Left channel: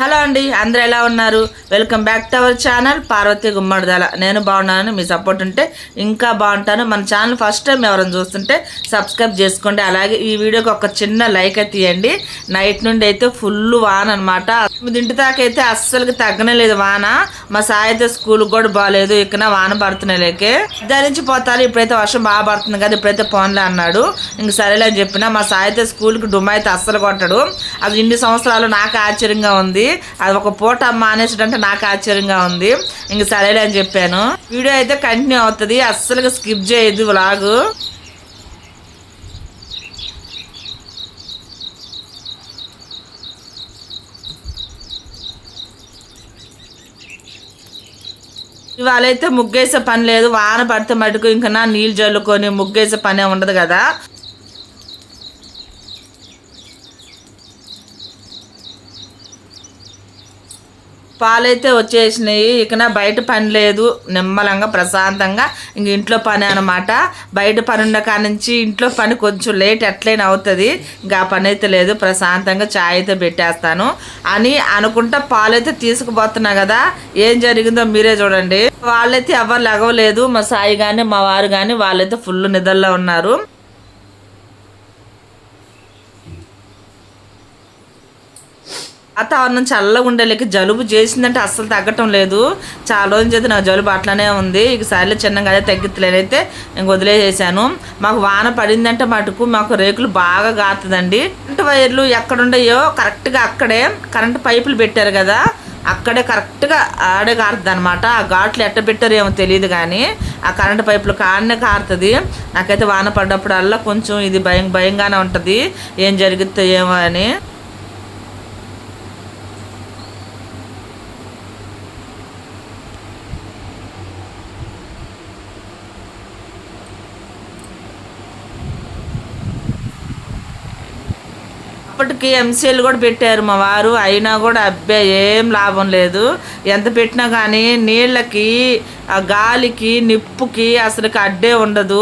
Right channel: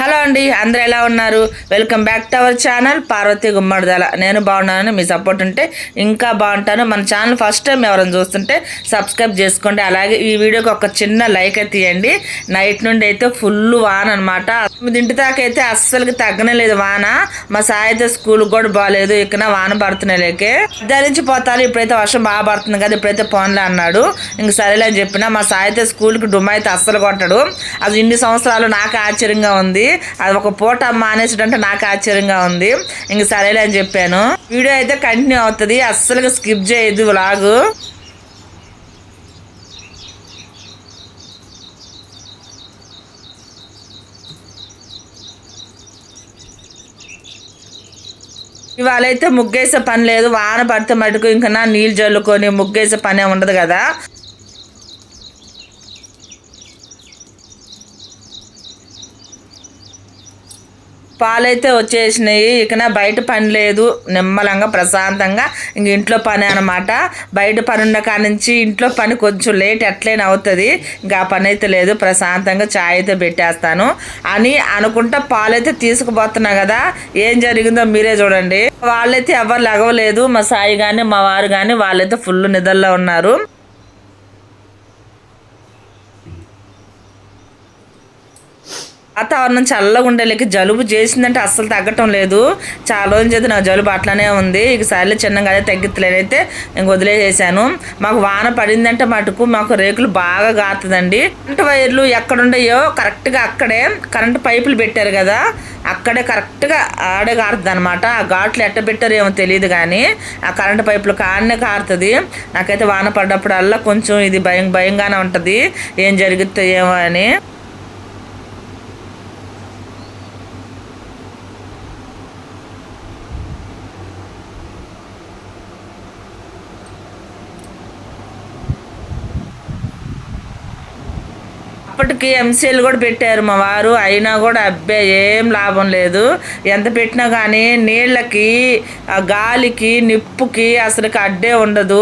Hello అండి అందరూ ఎలా ఉన్నారు? Welcome back to our channel Parvathi Gummadidala. నేను బాగున్నాను మీ సపోర్ట్ ఉంటే ఇంకా బాగుంటాను. మన ఛానల్ ఫస్ట్ టైం ఎవరైనా చూస్తుంటే సబ్స్క్రైబ్ చేసుకోండి. అలాగే ఈ వీడియోకి ఒక చిన్న లైక్ అయితే తీయండి నైట్ నుండి అయితే ఫుల్ వాన అనమాట తొమ్మిదింటి దాకా అయితే అస్సలకి తగ్గనే లేదు వాన. మా సాయి అయితే స్కూల్ కూడా బాగాలేదు ఇక్కడ వాన పడుతున్నాయి లేకే. దాని నుంచి పోతారు. ఇప్పుడైతే వర్షం బాగా పడుతుంది కదా ఇప్పుడైతే పోన్లే అన్నాడు. ఇంక సరేలే అని చెప్పిన మా సాయి అయితే స్కూల్కి డుమ్మ అయితే అస్సలు కొట్టడు. అది ఇన్ని సంవత్సరాలు నాకు ఆశ్చర్యంగా ఉంది. అది ఒక పూట మానేసాడంటే నాకు ఆశ్చర్యంగా ఉంది. ఇంక సరేలే అని చెప్పాను. వీడియో అయితే కంటిన్యూ అవుతుంది. అస్సలుగా స్కిప్ చేయదు వ్లాగు. ఇవాళ అయితే ముగ్గేసే పని లేదు. వాన పడితే మటుకు ఇంకా నీళ్ళు జల్లుకొని ముగ్గేసే పనే ఉండదు కదా. పాలైతే వచ్చేసినాయి. ఇక నా బయట పని లేదు. నిమ్మలంగా ప్రశాంతంగా ఇంక ఇంట్లో పని అనమాట బయట పని ఉన్న కాడ నుంచి ఇంట్లో పని కొంచెం లేట్ ఎట్లయినా అవుతుంది. ఇంకా ఆ పని అయితే లేదు. ప్రశాంతంగా చాయ్ అయితే పెట్టేస్తాను. అని అనుకుంటా పాలైతే తీసుకుపోతున్నా కదా. ఏం జరిగిందో మీరే చూడండి. వాళ్ళైతే ఎవరు లెగవలేదు. మా సాయి కానీ మా వారు కానీ వాళ్ళైతే ఫుల్ నిద్రలో ఉన్నారు. వాతావరణం చల్లగా ఉండేలేక జలుబు చేసిందంటే అస్సలు తగ్గటం లేదు. చాలా రోజుల చేతి నా జలుబు అట్లానే ఉంది. ఇక సార్లు చిన్నగా అదే తగ్గితలేనైతే నేను వదిలేసేసాను. మాకు వాన పడిందంటే మటుకు మాకు రేకులు బాగా గాతుందండి. కరెంట్ వైర్లు ఎక్కడుండయో కరెక్ట్గా అక్కడే కరెంటు పైపులు పెట్టారు కదా అక్కడే కరెక్ట్గా ఆడే కారుతుంది అనమాట ఆ ఘాట్లు ఎట్ట పెట్టారో ఏమో తెలియదు కానీ ఆ కరెంటు పైపులు కాడనే కారుతుంది. నాకైతే వాన పడ్డప్పుడల్లా కొంచెం ఇది భయం భయంగానే ఉంటుంది. ఏం జరుగుతుందో ఏమో అని. అప్పటికి ఎంసీఎల్ కూడా పెట్టారు మా వారు. అయినా కూడా అబ్బే ఏం లాభం లేదు. ఎంత పెట్టినా కానీ నీళ్ళకి ఆ గాలికి నిప్పుకి అసలుకి అడ్డే ఉండదు.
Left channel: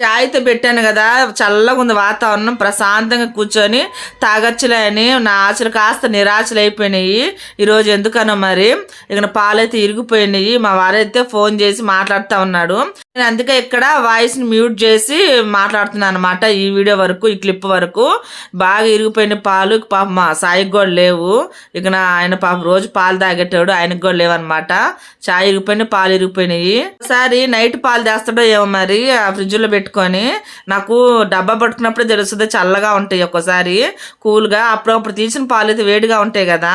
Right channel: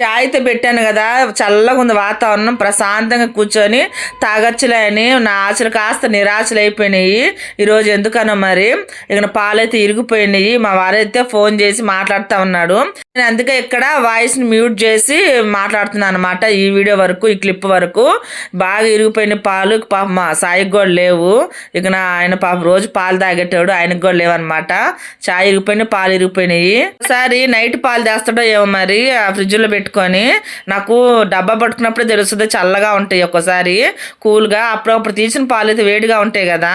చాయ్ పెట్టాను కదా చల్లగా ఉంది వాతావరణం ప్రశాంతంగా కూర్చొని తాగచ్చులే అని నా ఆశలు కాస్త నిరాశలు అయిపోయినాయి ఈరోజు ఎందుకనో మరి ఇక పాలైతే ఇరిగిపోయినాయి. మా వారైతే ఫోన్ చేసి మాట్లాడుతూ ఉన్నాడు. నేను అందుకే ఇక్కడ వాయిస్ని మ్యూట్ చేసి మాట్లాడుతున్నాను అనమాట ఈ వీడియో వరకు ఈ క్లిప్ వరకు. బాగా ఇరిగిపోయిన పాలు పాప మా సాయికి కూడా లేవు. ఇక నా ఆయన పాప రోజు పాలు తాగేటాడు ఆయనకు కూడా లేవు అనమాట చాయ్ ఇరిగిపోయిన పాలు ఇరిగిపోయినాయి. ఒకసారి నైట్ పాలు తెస్తాడో ఏమో మరి ఆ ఫ్రిడ్జ్లో పెట్టుకొని నాకు డబ్బా పట్టుకున్నప్పుడు తెలుస్తుంది చల్లగా ఉంటాయి ఒక్కోసారి. కూల్గా అప్పుడప్పుడు తీసిన పాలు అయితే వేడిగా ఉంటాయి కదా.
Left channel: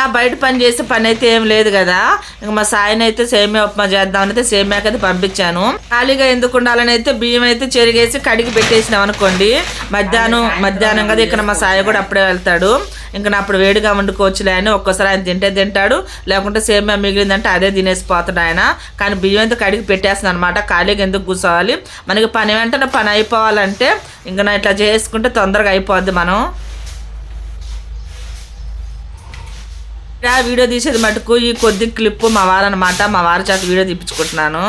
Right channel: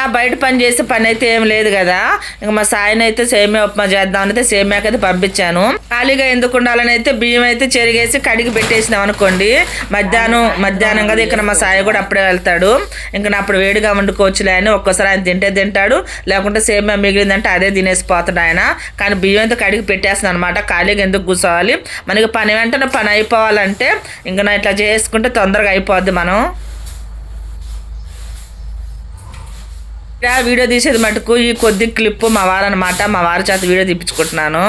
ఆ బయట పని చేసే పని అయితే ఏం లేదు కదా. ఇంకా మా సాయిని అయితే సేమియా ఉప్మా చేద్దామని అయితే సేమియాకి అయితే పంపించాను. ఖాళీగా ఎందుకు ఉండాలని అయితే బియ్యం అయితే చెరిగేసి కడిగి పెట్టేసినాం అనుకోండి. మధ్యాహ్నం మధ్యాహ్నం కదా ఇక్కడ మా సాయి కూడా అప్పుడే వెళ్తాడు. ఇంకా నా అప్పుడు వేడిగా వండుకోవచ్చులే అని ఒక్కోసారి ఆయన తింటే తింటాడు. లేకుంటే సేమియా మిగిలిందంటే అదే తినేసి పోతాడు ఆయన. కానీ బియ్యం అయితే కడిగి పెట్టేస్తున్నాను అనమాట ఖాళీగా ఎందుకు కూర్చోవాలి? మనకి పని వెంటనే పని అయిపోవాలంటే ఇంకా నా ఇట్లా చేసుకుంటే తొందరగా అయిపోద్ది మనం. ఆ వీడియో తీసేది మటుకు ఈ కొద్ది క్లిప్ మా వారు అనమాట మా వారి చేత వీడియో తీపించుకుంటున్నాను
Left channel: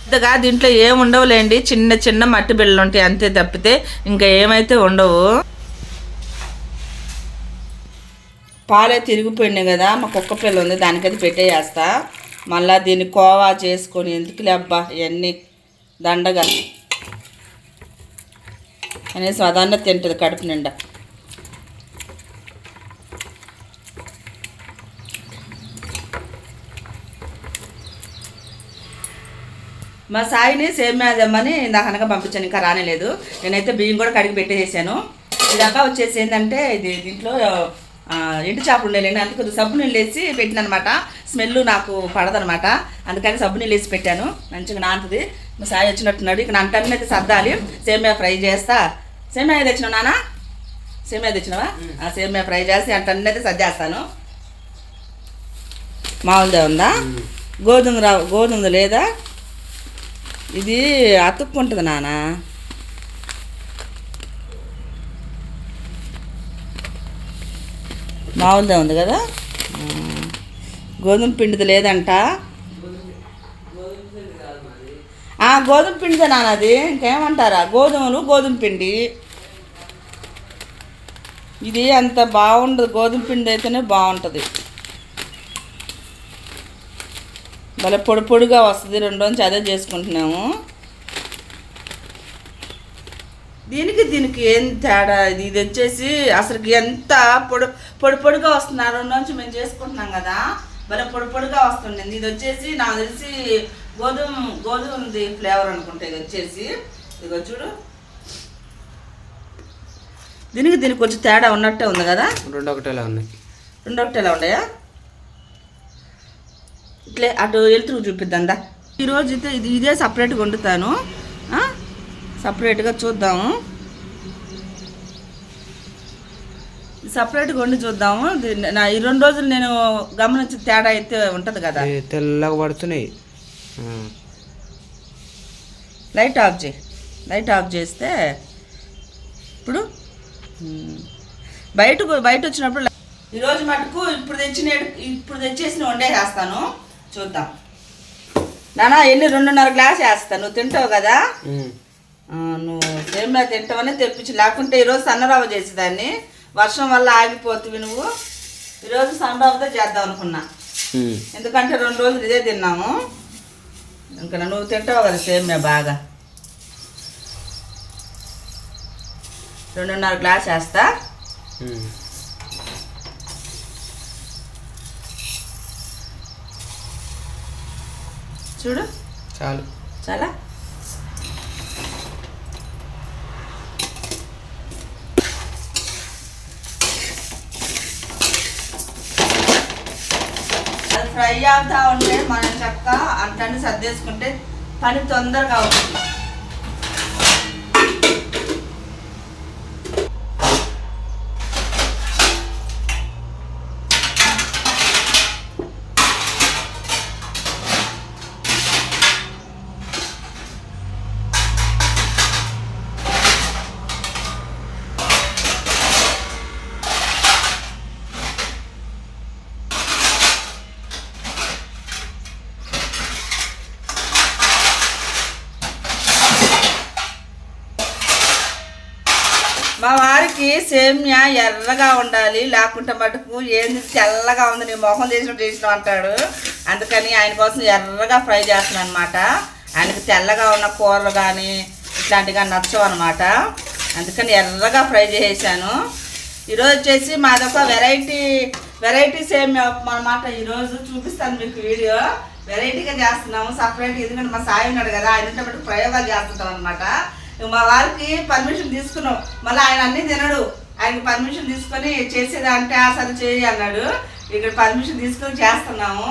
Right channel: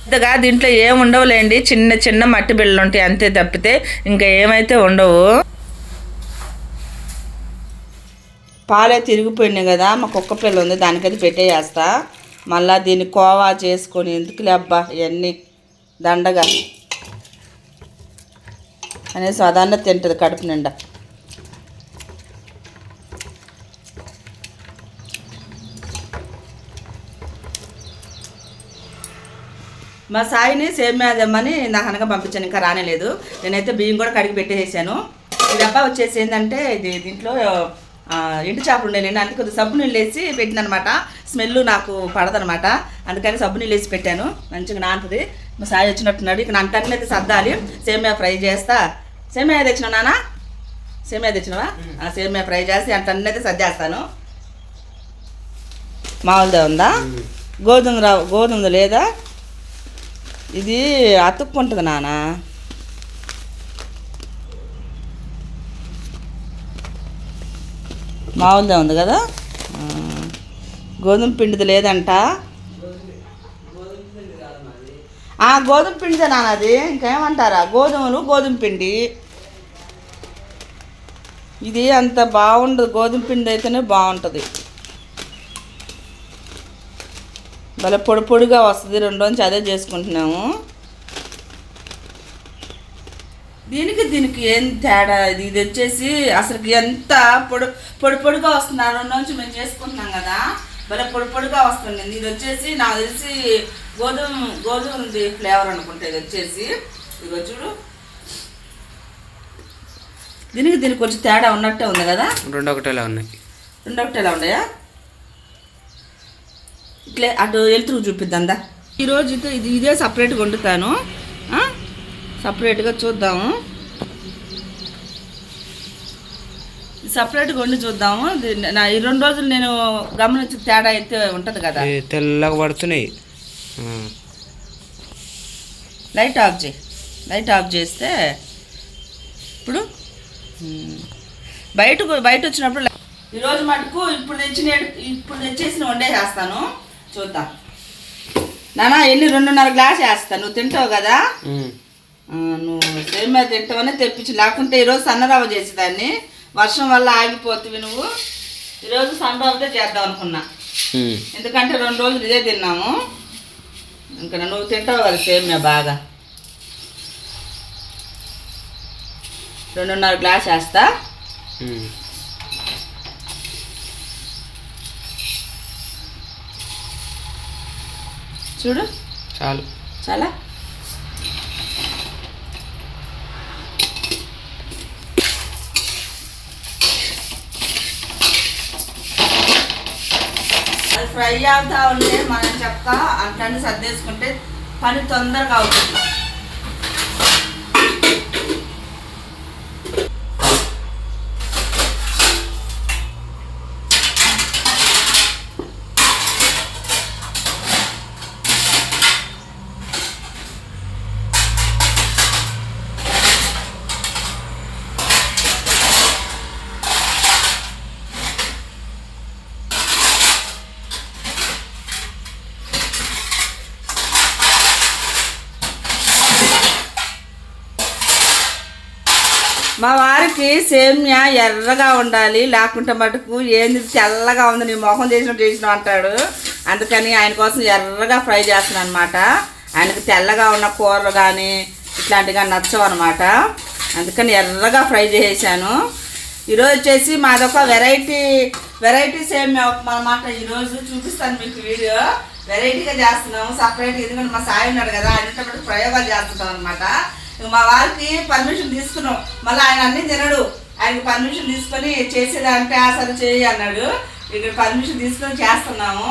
పెద్దగా దీంట్లో ఏం ఉండవులేండి. చిన్న చిన్న మట్టి బిళ్ళలు ఉంటాయి అంతే తప్పితే ఇంకా ఏమైతే ఉండవు. పాలే తిరిగిపోయినాయి కదా మా కుక్క పిల్ల ఉంది దానికైతే పెట్టేస్తా మళ్ళా దీన్ని కోవా చేసుకొని ఎందుకులే అబ్బా ఇవన్నీ దండగా. అనేసి అదన్న తింటుంది కడుపు నిండా. మా సాయిని సేమ్యాదమ్మని నాకు అనగా పంపించాను ఇంకా రానేలేదు. నేనైతే బియ్యం కూడా కడిగి పెట్టేసాను ఈ డబ్బా వచ్చేసి ఏంటంటే ఇది దీంట్లో ఎండు చేపలు ఉండేలేండి అందుకు కొద్దిగా సబ్బు నీళ్ళు వేసి పెట్టిన అనమాట స్మెల్ నాకు పడదనమాట. అందుకని సబ్బు నీళ్ళు వేసి పెట్టాను. మంచిగా నానుతుంది. మా సాయి వచ్చినట్టున్నాడు. ఇక్కడ అంటన్నీ అయితే సర్దాలి. సేమియా ఫ్రై చేస్తా. సేమియా తెచ్చినావు నానా? సేమియా తెచ్చినావా? ఆ సేమియా ఫ్రై చేసి అంటన్నీ అయితే సర్దేస్తాను. మామూలుదే ఉందా? గోధుమ రా గోధుమది లేదా? ఇది అతుక్కుంటుంది నాన్న మామూలుదే ఉంది కదా? గోధుమ పిండిది లేదంట. ఆ, గోధుమ పిండిదే నాన్నది ఇంకేమంటారా? గోధుమలు గోధుమ పిండి. ఇది అంత బాగుండదు. గోధుమ పిండి అయితేనే బాగుంటుంది. భలే పొడి పొడిగా వస్తుంది. రెండు నుంచి అదే చేసుకుంటున్నాము. దీనికి దీనికి ఏం తేడా? ఇది ఇది వచ్చేసి అసలుకి ఎంత పొడి పొడి పొడిగా వస్తుంది. రెండు నుంచి మేము చేసుకుంటున్నాం కదా. భలే పొడి పొడిగా వస్తుంది ఇది వచ్చేసి నాకు తెలిసి గోధుమ గోధుమది ఫ్లేవర్ అనుకుంటా ఇది వచ్చేసి. ఇదిగో చూడు. దీనికి దీనికి కొంచెం తేడా ఉన్నట్టే ఉంది కదా? రెండు ఒకటేలా ఉన్నాయి. రెండు ఒకటేలా ఉన్నాయా? ఇట్లే అటు వెళ్తూ చూపిద్దాందా ఈరోజు అయితే ఇది ఇదే సపరేట్గా వండుతాను? సపరేట్గా చూద్దాము. సపరేట్గా వండి చూద్దాము. నా ఈ రెండు రోజులు నేను గమనించిన తేడా అయితే ఉంటుంది కదా. తెల్లగా పడుతున్నాయి. లైట్ ఆఫ్ చేయి. లైట్ ఆఫ్ చేస్తే ఇప్పుడు మ్మ్. బయటకు బయట వచ్చినప్పుడు ఈరోజు మటుకు ఇప్పుడు తెచ్చిన ఇప్పుడు తెచ్చేసిన వండేసేస్తాను చూద్దాం. నానా ఎన్ని? రెండున్నర గ్లాస్ వేస్తాను నువ్వు తింటావు కదా? నువ్వు సేమియా తింటావని తెప్పించి. లేకుంటే ఈరోజు సన్నరవ్వ చేసేదాన్ని. వర్షం వల్ల ఆగిపోతుంది నువ్వు. ఈరోజు సన్నరవ్వతో చేద్దాం అనుకున్నా. ఎందుకంటే రెండు రోజులు ఇదే తిన్నాము. ఇంకా నువ్వు తింటావు కదా సేమియా బాగా. రెండున్నర గ్లాస్ వేస్తా. చూడు. చాలు. చాలా? ఫ్రై అవుతా ఉంటే మనం చక్క అంతని సర్దేసుకుంటే పని తొందరగా అవుతుంది మా వారికి సేమ్యా ఎర్రగా ఉండాలి లేకుంటే మటుకు ఏంది తెల్లగా ఉంది నీ మొహం చేసినట్టు చేసినావు అంటాడు అందుకని ఆయన కోసం ఎర్రగా ఫ్రై చేస్తున్నాను అనమాట ఆయనకు తెల్లగా ఉన్న కూరలు కానీ ఇట్లాంటివి కానీ నచ్చవు అనమాట అందుకని ఎర్రగా ఫ్రై చేసేసాను. ఈరోజు వచ్చేసి మాదొక వెరైటీ వెరైటీ సేమ్యా ఉప్మా అనమాట ఈరోజు చూపిస్తాను మీకు వీడియో. వెరైటీగా చేస్తున్నాము సపరేట్ ఎందుకంటే మా సాయి ఉన్నాడు కదా ఆయన ప్రయోగాలు చేస్తుంటాం అనమాట మా వారికి పర్మిషన్ తీసుకున్నాం మళ్ళీ ఆయన అన్ని తినడు. ఆయనకి పర్మిషన్ తీసుకొని చేసేదంటే అసలు చేయి అన్నాడు. ఇక్కడ పర్మిషన్ తీసుకొని చేస్తున్నాము.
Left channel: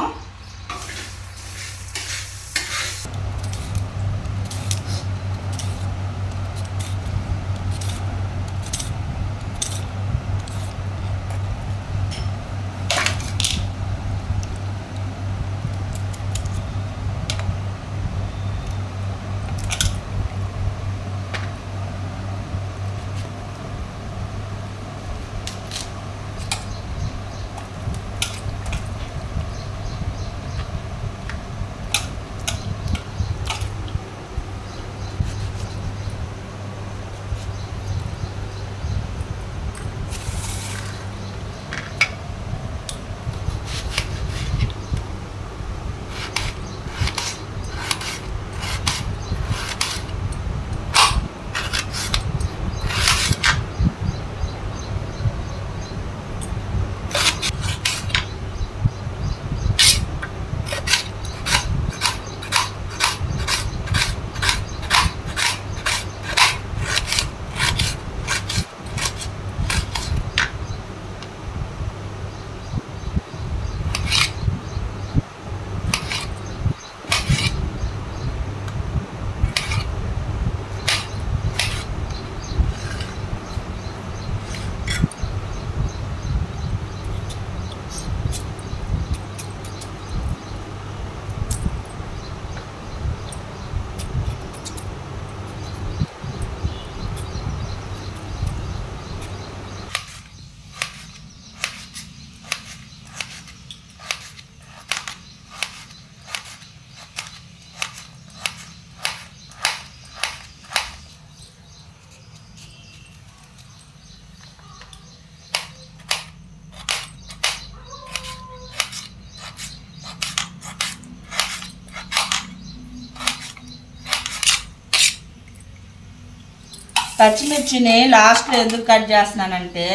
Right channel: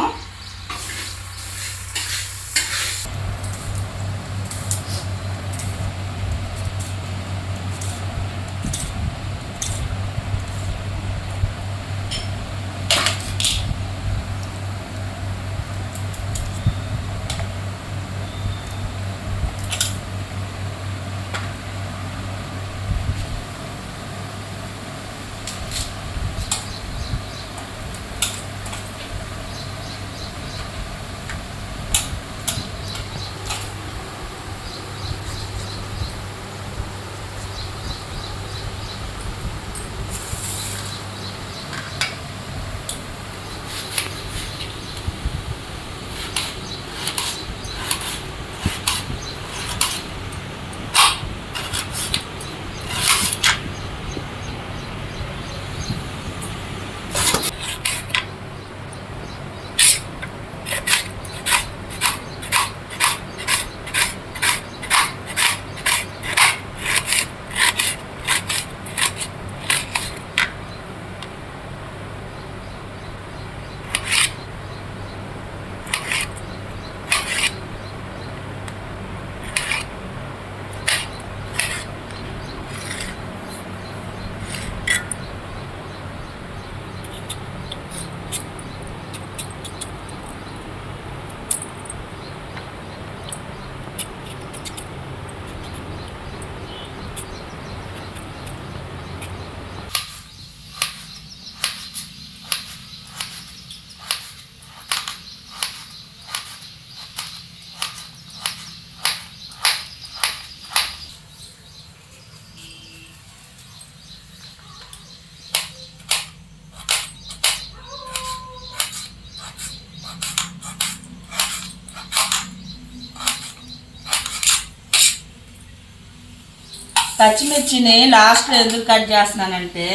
పచ్చిమిర్చిని లాస్ట్లో ఎందుకు కట్ చేస్తున్నానంటే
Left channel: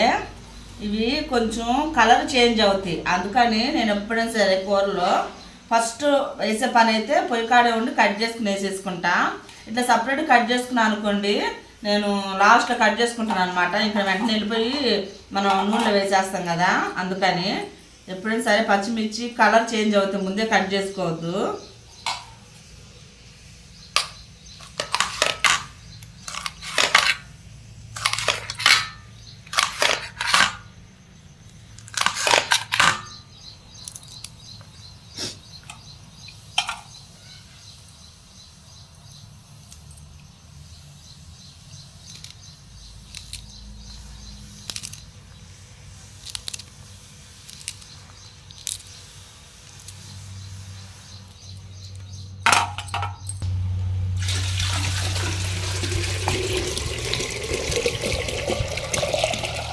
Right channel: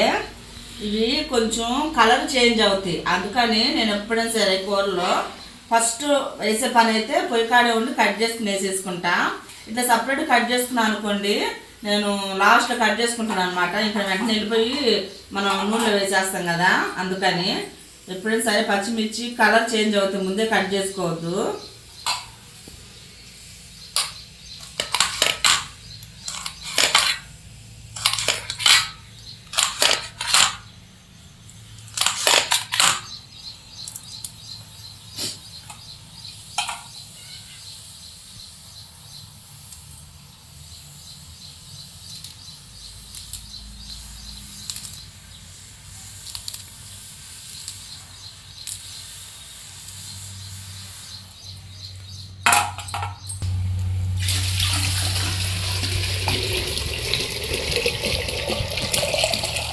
ఇవి కొంచెం కలర్ చేంజ్ అవుతాయి. అందుకని నేను ఎప్పుడైనా సరే కూరలో ఫస్ట్ వేసే పని అయితే పొయ్యి కాడే ఉండి కట్ చేసుకుని వేసేసుకుంటా. ఇట్లా సపరేట్ కట్ చేసుకున్నాను అనుకోండి నేను లాస్ట్లో కట్ చేసుకుంటాను అనమాట ఇక్కడ వెంటనే వెళ్ళిపోయి మనం నూనెలో వేసేస్తాం కదా అందుకని ఎప్పుడైనా సరే పచ్చిమిర్చి కలర్ చేంజ్ అవుతుంది ముందే కట్ చేసుకోవద్దు.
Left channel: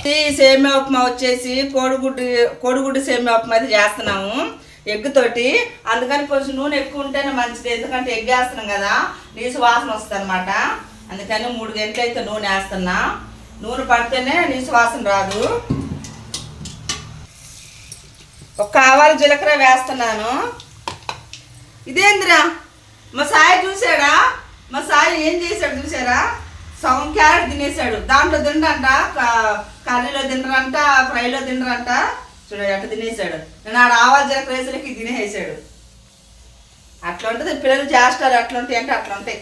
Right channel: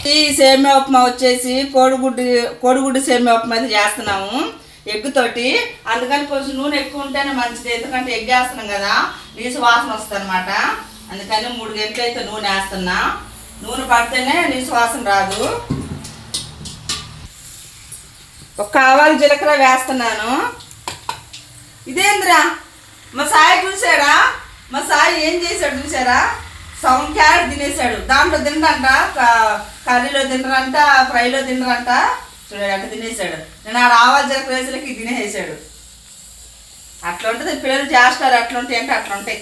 ఈ సేమియా ఉప్మా వచ్చేసి కోడిగుడ్డు కోడిగుడ్డు సేమియా ఉప్మా అయితే చేస్తున్నాము ఎగ్ తోటి. అందుకని కొంచెం నూనె ఎక్కువ ఉంటేనే మంచిది ఎందుకంటే ఎగ్ వేస్తున్నాం కదా నీసు వాసన వస్తుంది అనమాట అందుకని మూడు గంటలు అయితే నూనె వేస్తున్నా. నూనె పడితేనే నీసు వాసన రాదు. ఒక ఆవాలు జీలకర్ర వేస్తున్నాను. ఇదేందిరా? మా సాయి చూసాడా మా సాయి ఏం చేశాడు చూసారా సగం క్యారెట్ తినేసాడు. దాంట్లో తినడంట కర్రీలో తినరంట ఫ్రైలో తినరంట. చూడండి అట్లా తినేసాడు. నేను ఆడ ఆవాలు జీలకర్ర తినేసాడు అట్లా ఉంటుంది పిల్లలు చేస్తారు అట్లా ఉంటాయి అంటే అట్లా ఉంటాయి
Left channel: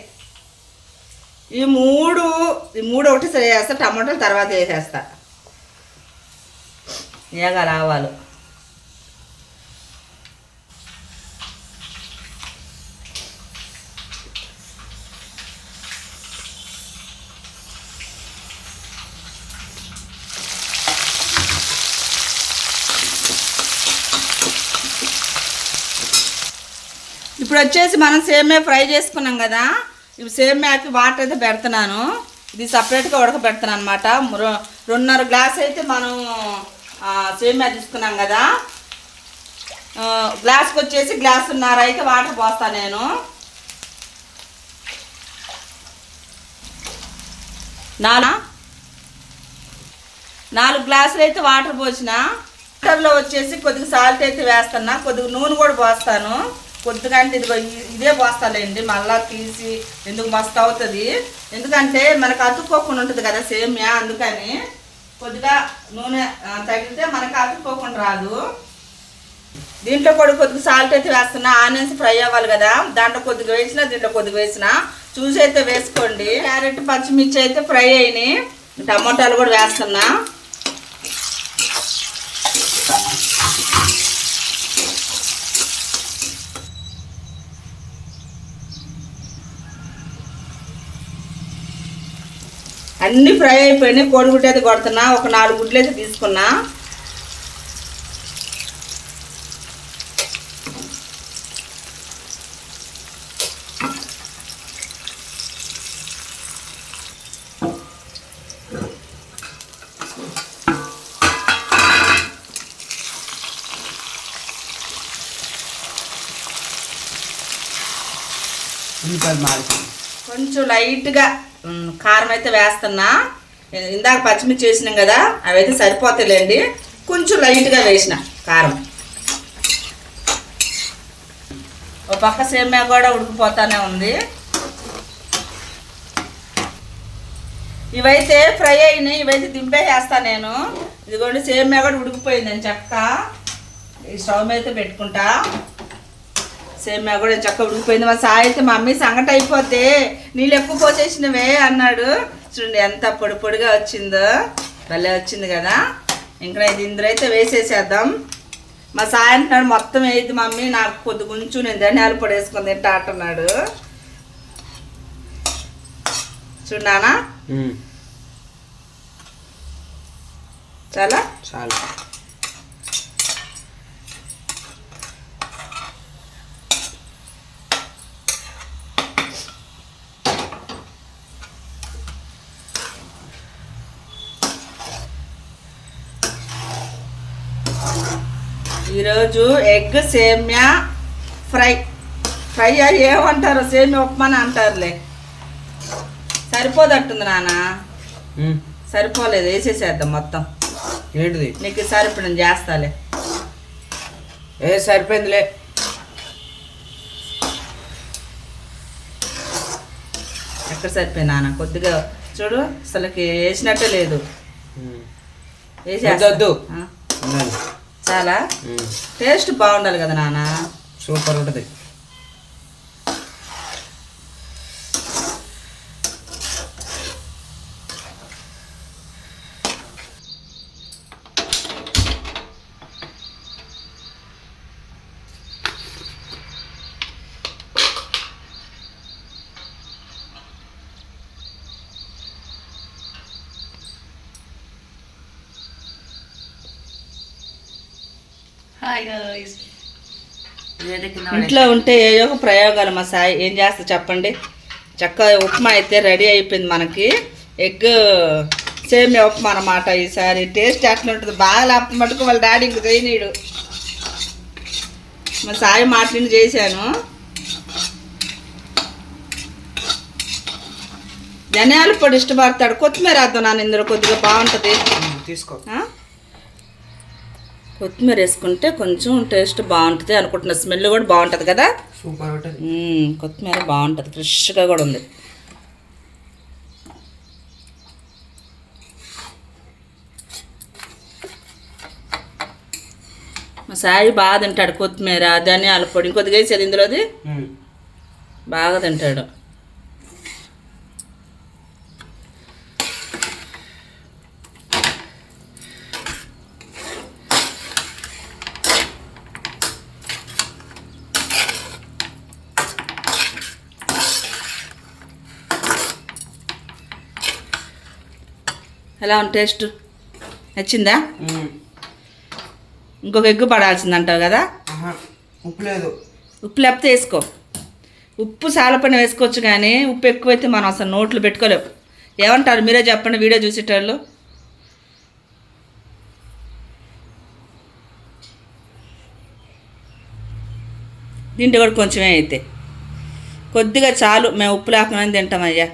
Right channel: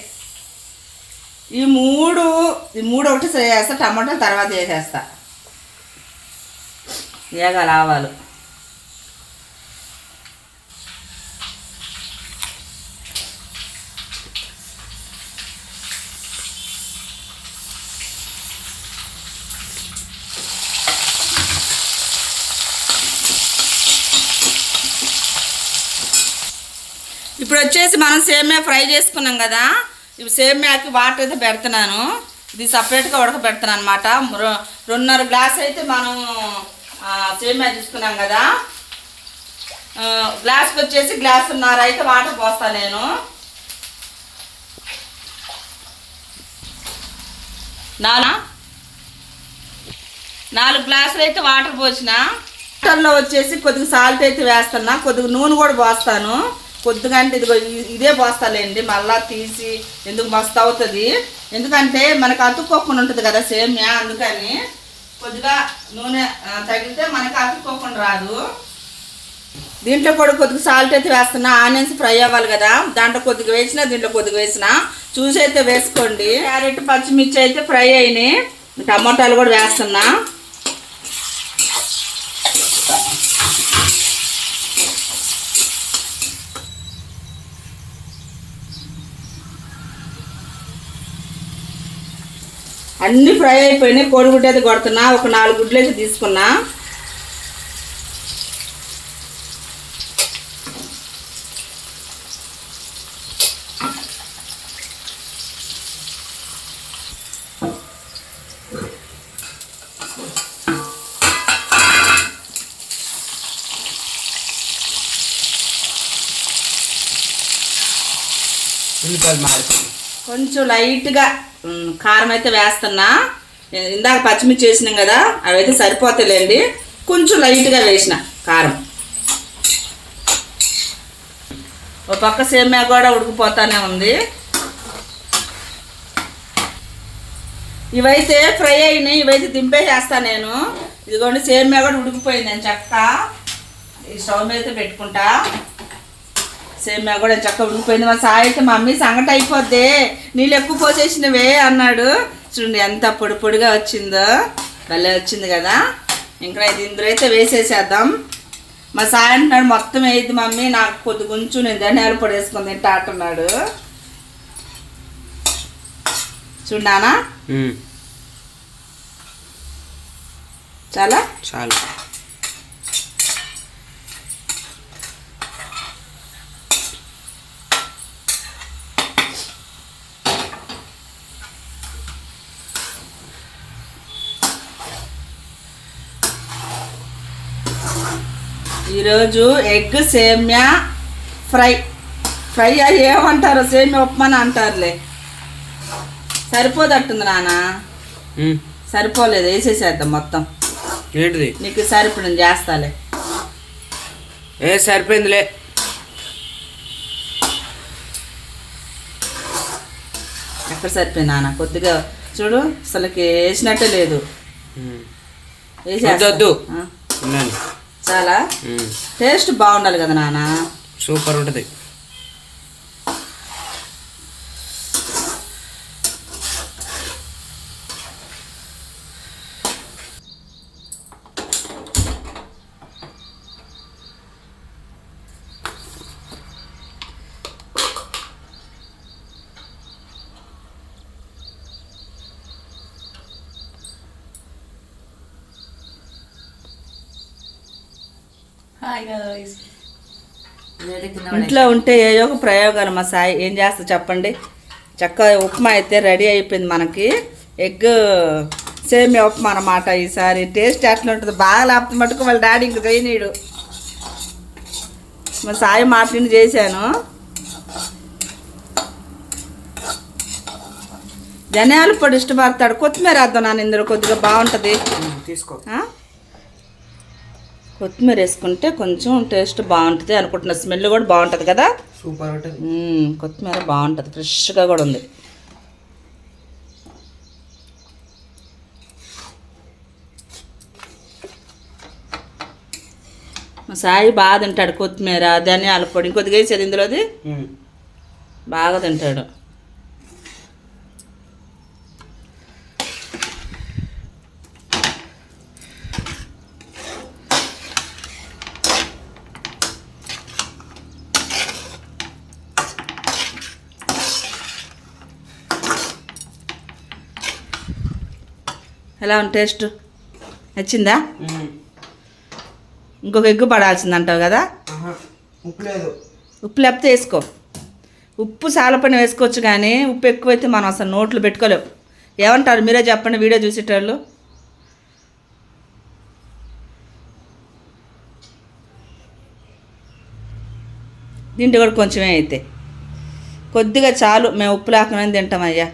ఈ మూడు ఈ మూడు ఒకటి చేస్తా టమాటాలు తర్వాత వేసేస్తా. ఏగాలి ఆవాలు ఇప్పుడు వచ్చేసి మనం సేమియా ఫ్రై చేసుకున్నాం కదా. ఇవి సేమ్యాకి వాటర్ అయితే పెడుతున్నాను. ఇది సపరేట్గా ఉడకబెడుతున్నాను అనమాట రెండున్నర గ్లాస్ అయితే మనం సేమ్యా తీసుకున్నాం కదా. గ్లాస్కి వచ్చేసి గ్లాసున్నర అయితే వాటర్ పోస్తాను నేను. నానా? నాలుగు గ్లాసులు అయితే వాటర్ పోసిన. వాటర్లో వచ్చేసి కొద్దిగా సాల్ట్ అయితే వేస్తున్నా. కొద్దిగా నూనె కూడా పోస్తాను. కొద్దిగా అంటే ఇదిగో ఇదే పోస్తాలేండి మళ్ళా తీసి ఎందుకు మస్తు అవుతుంది? ఎందుకంటే మనకు అతుక్కోకుండా ఉంటుంది కదా సేమ్యా అందుకని కొద్దిగా నూనె తగిలితే మనకు అతుక్కోకుండా రాదు. దీంట్లో కూడా కొద్దిగా సాల్ట్ అయితే వేస్తున్నా ఆనియన్స్ ఫ్రై అవ్వాలి కదా. దాంట్లో కొద్దిగా వేసిన దీంట్లో కొద్దిగా వేసిన చూసి అయితే వేసుకోండి. క్యారెట్ పచ్చిమిర్చి అయితే ఫ్రై అయినాయి. టమోటాలు కూడా వేస్తున్నా. అన్ని ఫ్రై అయిపోయినాయి కోడిగుడ్డు అయితే కొడుతున్నా ఒక నాలుగు గుడ్లు అయితే తీసుకున్నా. కొంచెం లైట్గా కారం అయితే వేస్తున్నా. ఇందాక పచ్చిమిర్చి వేసినాం కదా అవి అయితే సరిపోతాయిలేండి. కొంచెం లైట్గా వేసిన కారం. ఒక పక్క సేమ్యా కూడా ఉడికిపోతానే ఉంది. ఇవైతే ఫ్రై అయినాయి ఇవైతే దింపేసేస్తా నేను. ఇదిగోండి సేమ్యా కూడా ఉడికిపోయిందని నేను చక్క ఈ స్టవ్ మీద అయితే పెట్టుకుంటా. సేమ్యా కూడా చక్క ఉడికిపోయింది మా సాయి అయితే మమ్మీ సంగటి అయిపోద్ది. నీళ్ళు ఎక్కువ పోసేసినవే అన్నాడు. చూడండి ఎంత పొడి పొడిగా వచ్చిందో. భలే వచ్చింది కదా. ఇంకా ఇది ఇందులో అయితే వేసేసేద్దాం. మా సాయి అంటున్నాడు మొత్తం వేయద్దు మమ్మీ. నాకు కొద్ది కొంచెం నేను ధనియాలు పొడి వేసుకొని తింటా అంటున్నాడు. చూడానా చాలా? చాలు. ఈరోజు ఎగ్ సేమ్యా ఫ్రై. ఫ్రై అది ఏమంటారు? సేమ్యా ఉప్మా అంటారులే. సరిపోదట్టుంది నాన్న. సరిపోలేదు వేసేసేద్దాం మొత్తం. ఏంటిది? నీకు సరిపడం చేస్తాలే. ఏ సరిపోయిందిలే. ఎక్కడ సరిపోయింది నాన్న? కొద్దిగా చూడు అసలుకి వేసినట్టే లేదు. ఉమ్. చాలా. టేస్ట్ బాగుండాలి కదా నాన్న సూపర్ ఉంటుంది ఇంట్లో ఉంటే ఏయో ఒక ప్రయోగాలు మా సాయి ఏం చేస్తా చెప్పండి? చక్కగా ఉప్మా అయితే రెడీ అయిపోయింది మనకి. ఎగ్ సేమియా ఉప్మా అన్నమాట ఈసారి. టేస్ట్ ఎట్లా ఉంటుంది బాగా లేకపోతే మటుకు వాళ్ళ డాడీ ఇంక చేయనీడు. మా సాయి మాట్లాడి చేశాను. ధనియాల పొడి ఇష్టపడతాడు. కొత్తిమీర వేద్దాం నాన్న ఇందులో కొద్దిగా బాగుంటుంది. తీసుకో? కొత్తిమీర వేసుకుంటే కొంచెం టేస్ట్ బాగుంటుంది అనుకుంటున్నా. స్మెల్ కూడా బాగుంటుంది కదా? సూపర్ కొత్తిమీర బాగుంటుంది ఫ్రెష్గా కూడా ఉంది. మా సాయి బాగా తింటాడు కొత్తిమీర ధనియాల పొడి. ఇంకొద్దిగా వేసేది ఇందులోది. బాగా తింటాడు. ఎలా ఉంది టేస్ట్? నచ్చిందా. ఇంకొక ఎగ్గు పడాల్సింది అంటావు కదా. ఉప్పు లేదు. ఉప్పు లేకపోతే వేసుకో. ఉప్పు సాలపని వేసుకోవచ్చు కానీ ఉప్పు ఎక్కువైతే మనం అసలు నోట్లు పెట్టుకోలేం. ఏమంటారు? మీరే చెప్పండి వీడియో చూసేటోళ్ళు. దీంట్లో కూడా కొంచెమే అయితే. కొద్దిగా చాలు మేము ఉప్పు లేకుండా తింటామయ్యా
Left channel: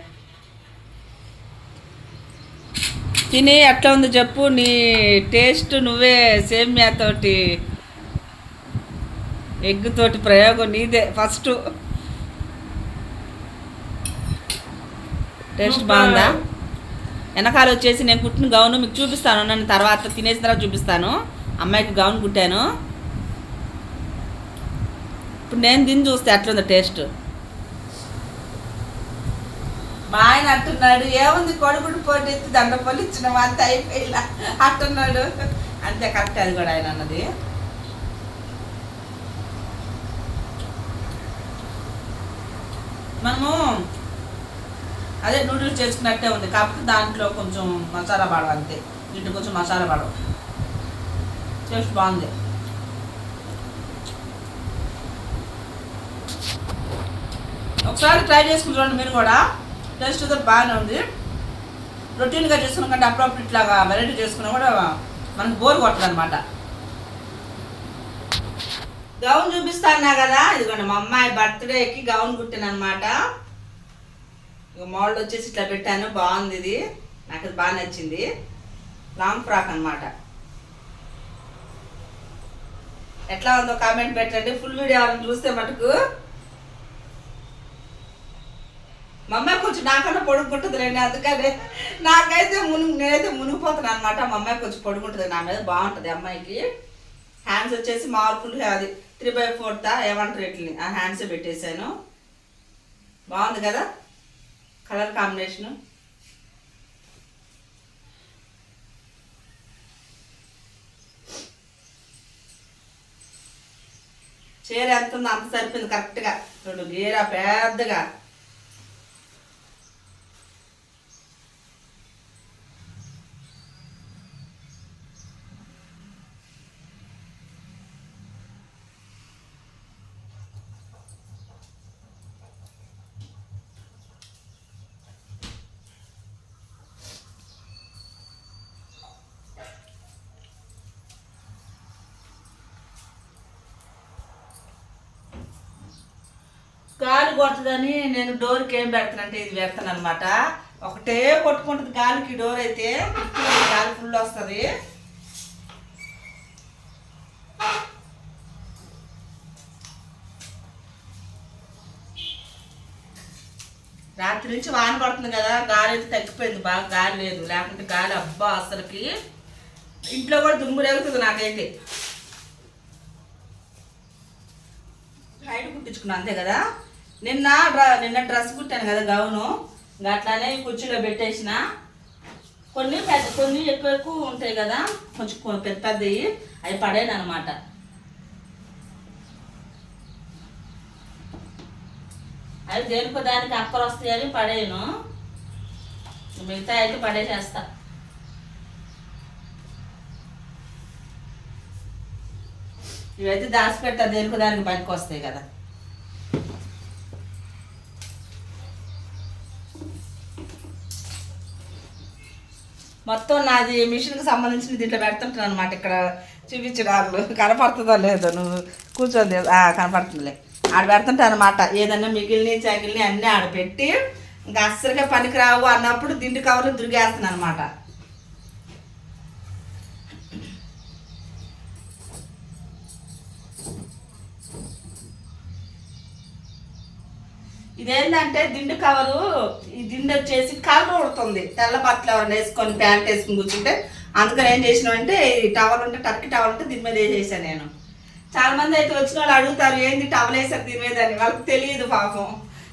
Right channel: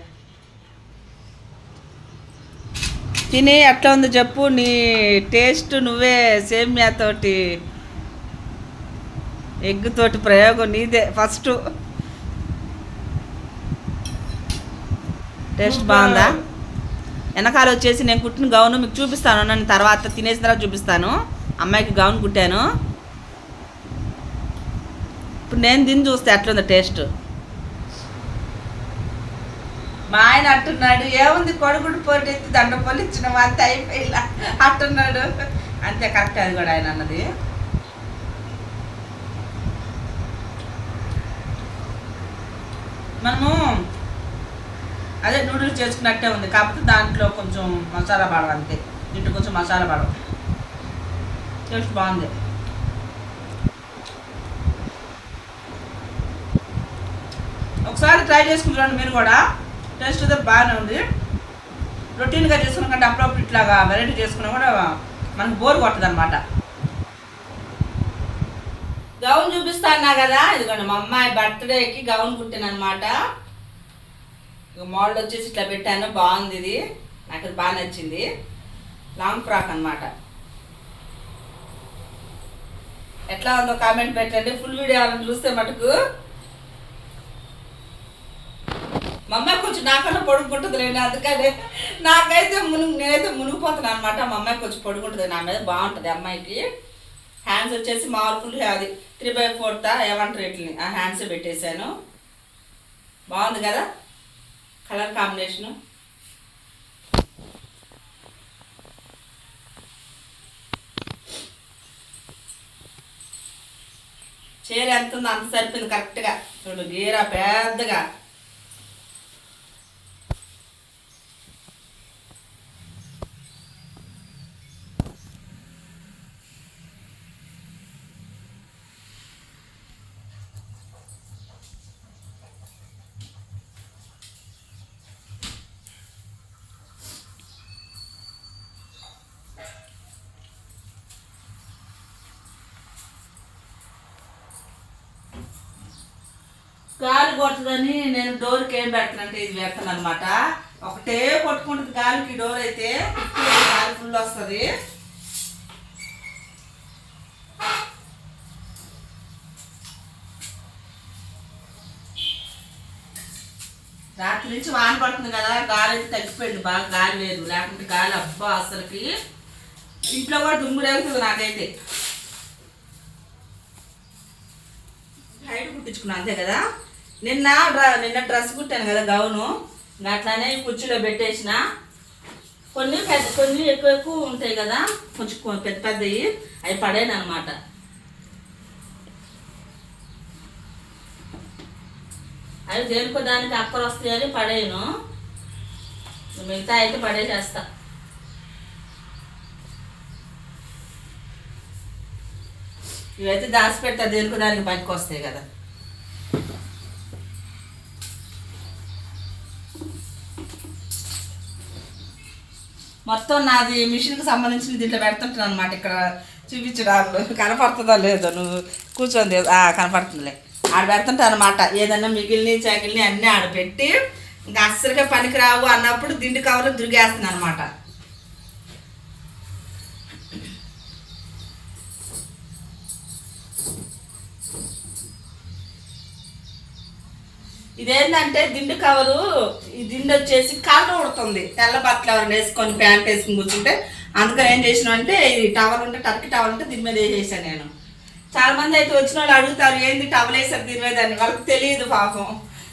తిని ఎట్లా ఉందో చెప్పు నీ టేస్ట్ నువ్వే సేమియాతోటి ఎగ్ తోటి ప్రయోగం నీదే ఫస్ట్. టేస్ట్ బాగుందా? వెనకాల వచ్చేసి నేను కుట్టిన గౌను మీకు చూపిస్తాను నన్ను తర్వాత తినేసిన తర్వాత చూపిస్తాను. అమ్మాయికి గౌన్ కుట్టాను. ఇప్పుడు నేను తిని చూస్తే ఎట్లుందో టేస్ట్? మా ఆయన అంటున్నాడు ఏముంది కొడుకుడు పోటీ ఎత్తి దండ పొలి ఇచ్చిన అంత అయిపోయిలా? అంటున్నాడు. అంతే కరెక్ట్ అది కూడా ఆయన అన్నది. మనము అదే నూడిల్స్ చేసుకున్నట్టే ఉంది. కాకపోతే దాంట్లో కొంచెం మసాలా పడవ అంతే. దీంట్లో కొంచెం మసాలా పడవ టేస్ట్ బాగుంది. ఒకసారి ట్రై చేసుకుని చూడండి మీరు కూడా. టేస్ట్ అయితే బాగానే ఉంది. రొటీన్గా చేసుకున్న కంటే అప్పుడప్పుడు ఇట్లాగా వెరైటీ చేసుకున్నా కూడా మనకు బోర్ కొట్టదు అనమాట గౌన్ చూపిస్తానా కదా? ఇదిగోండి మా అమ్మాయి బర్త్డేకి గౌన్ కుట్టాను ఇక మోడల్ వచ్చేసి ఇట్లా పెట్టాను బాగుంది ఇది. నాకు ఇది బాగా నచ్చింది. లాంగ్ ఫ్రాక్ అన్నమాట. ఎట్లా ఉందో కామెంట్ పెట్టండి. ఫుల్ వీడియో ఎవరైనా చూస్తే మటుకు మా అమ్మాయి కొంచెం నాకన్నా పొడుగుంటుంది లేండి అందుకని నాకైతే మునుగు నేనైతే మునిగిపోతున్నాను అనమాట మా అమ్మాయి కొంచెం పొడుగుంటుంది నా మీద బాగుంటుంది అమ్మాయికి. హ్యాండ్స్ వచ్చేసి మార్పులు అది త్రీ బై ఫోర్త్ ఏమంటారు వీటిని ఆ హ్యాండ్స్ పెట్టేశాను. బాగుంది కదా? కలర్ కాంబినేషను చీర ఎంత ఉందో అంత సరిపోయింది కరెక్ట్గా చూడు గీర పెద్దగా. గాలి కొట్టదని నేను డోర్కి ఏం పెడతానంటే ఇది పెడతాను అనమాట ఒకటే కొట్టుకుంటుంది గాలికి డోర్ అయితే గాలి ఫుల్ వస్తుంది. రాత్రి నుంచి వాన పడుతుంది కదా గాలి అయితే తగ్గిపోయింది బాగా గాలి లేదు. లేకుంటే గాలి అబ్బా అసలుకి. ఇంట్లో కూడా దుమ్ము రేగుతుంది నాకైతే. బయట కుట్టించుకున్నా అంతే కదా? నిన్న డ్ర నిన్న డ్రెస్ కుట్టాను కదా గౌను. అట్లానే కుర్చీలో పెట్టేసిన. కొన్ని పెద్ద కొన్ని ఎక్కువ ఎక్కువ ఉంటాయి కదా కొంచెం పెద్ద పెద్దవి అవి పడాను అనమాట అవి దేనికో దానికి అక్కలు వస్తాయని పడేయను. మిగతా అయితే పడేసేస్తా. ఇవైతే దాచి పెడతా దేనికో దానికి బయటకు వస్తాయి కదా. మొత్తం నాది మిషన్కి సంబంధించిన దీంట్లో పెడుతుంటాను అనమాట ఇక్కడ చూపించడాలు. కనపడుతుందో లేదో నువ్వు కూర్చొని కనపడుతుందిలే. ఆడ పెడుతుంటాను అనమాట ఏదన్నా మిగిలిన చాకిలిని అన్నీ ఆడ పెట్టి ఇంకా అస్సలుగా పనికి రావు అన్నప్పుడు దిండు కవర్లు దురిగేస్తున్నాను అనమాట ఇదేంటంటే దిండు కవరు ఈ దిండు వచ్చేసి కాళ్ళు ఉడుతుంది. తెల్ల బట్టలు ఎవరైనా వేసుకొని ప్యాంట్ వేసుకొని కూర్చుంటే అందుకని ఏం చేసినా అంటే ఈ టవల్ ఉంటే టర్కి టవల్ ఉంటే దీని మీద వేసేసాను నేను. చాలా మంది అయితే వచ్చిన వాళ్ళు అడుగుతారు ఏంది టవల్ వేసారు దీని మీద? అని. వాళ్ళకి తెలియదు పాపం.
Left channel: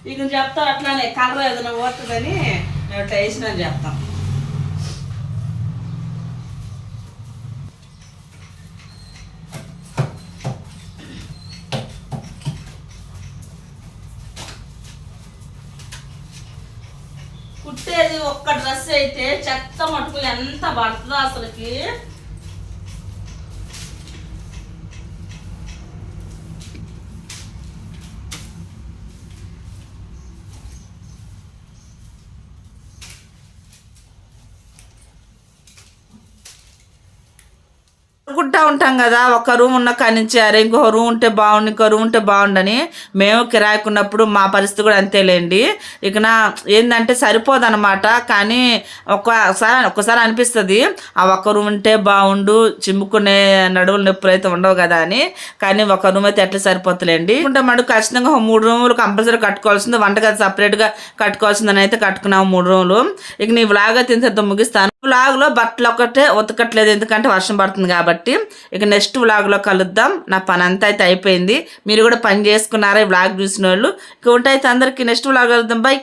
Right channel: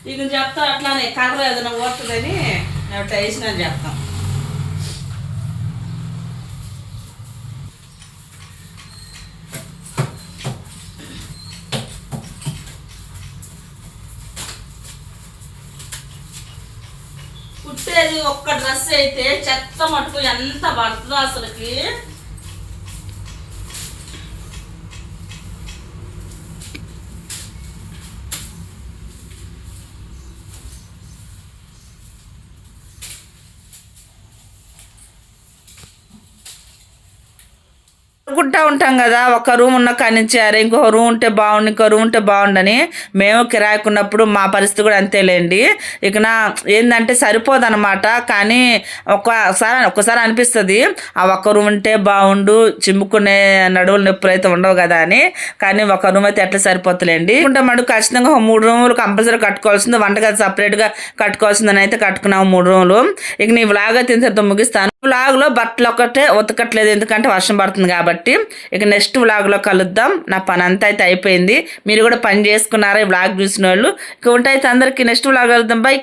ఇక చెప్తా అట్లానే కలర్ ఏదైనా ఓడుతుందని మేము ఇట్లా వేసినని చెప్తాం ఒక్క డ్రెస్ అయితే చెత్త మటుకు ఎంత పడుతుందో అసలుకి. అనుకుంటా ఉంటాం కదా ఒక రూమ్ ఉన్న కాడి నుంచి అరే ఇంకో రూమ్ ఉంటే బాగుండు ఇంకో రూమ్ ఉంటే బాగుండని మేము కిరాయికున్నప్పుడు మా పరిస్థితి కూడా అంతేలేండి. ఇక నా ఏంటంటే సరిపోదనమాట కానీ ఒక్కసారి ఒక్కసారి అనిపిస్తుంది ఆ ఒక్క రూమ్ ఉంటే బాగుండు చిమ్ముకునే నడువులు నొప్పులు అయితే ఉండవు కదా అని. కానీ ఒక రూమ్ అయితే ఎట్లా సరిపోతులేండి. ఉంటే మటు ఖచ్చితంగా మూడు రూములు కంపల్సరీ కట్టుకోవాల్సింది వంటగది సపరేట్గా కట్టుకోవాల్సిందని అయితే కట్టుకున్నాము మూడు రూములు. ఇక నీ వ్లాగ్ అయితే ఇంత ముగిస్తాను. వ్లాగ్లో బట్టలు ఒకటే ఉతకట్లేదు ఎందుకంటే వర్షం పడుతుంది కాబట్టి. ఇక నెక్స్ట్ వ్లాగ్లో కలుద్దాం. నా పని అంతా అయితే అయిపోయింది. మీరు కూడా పని చేసుకున్నారా ఈ వ్లాగ్ చూసిన వాళ్ళు ఇక ఉంటాయితే అందరికీ నెక్స్ట్ వ్లాగ్ కలుద్దాం. బై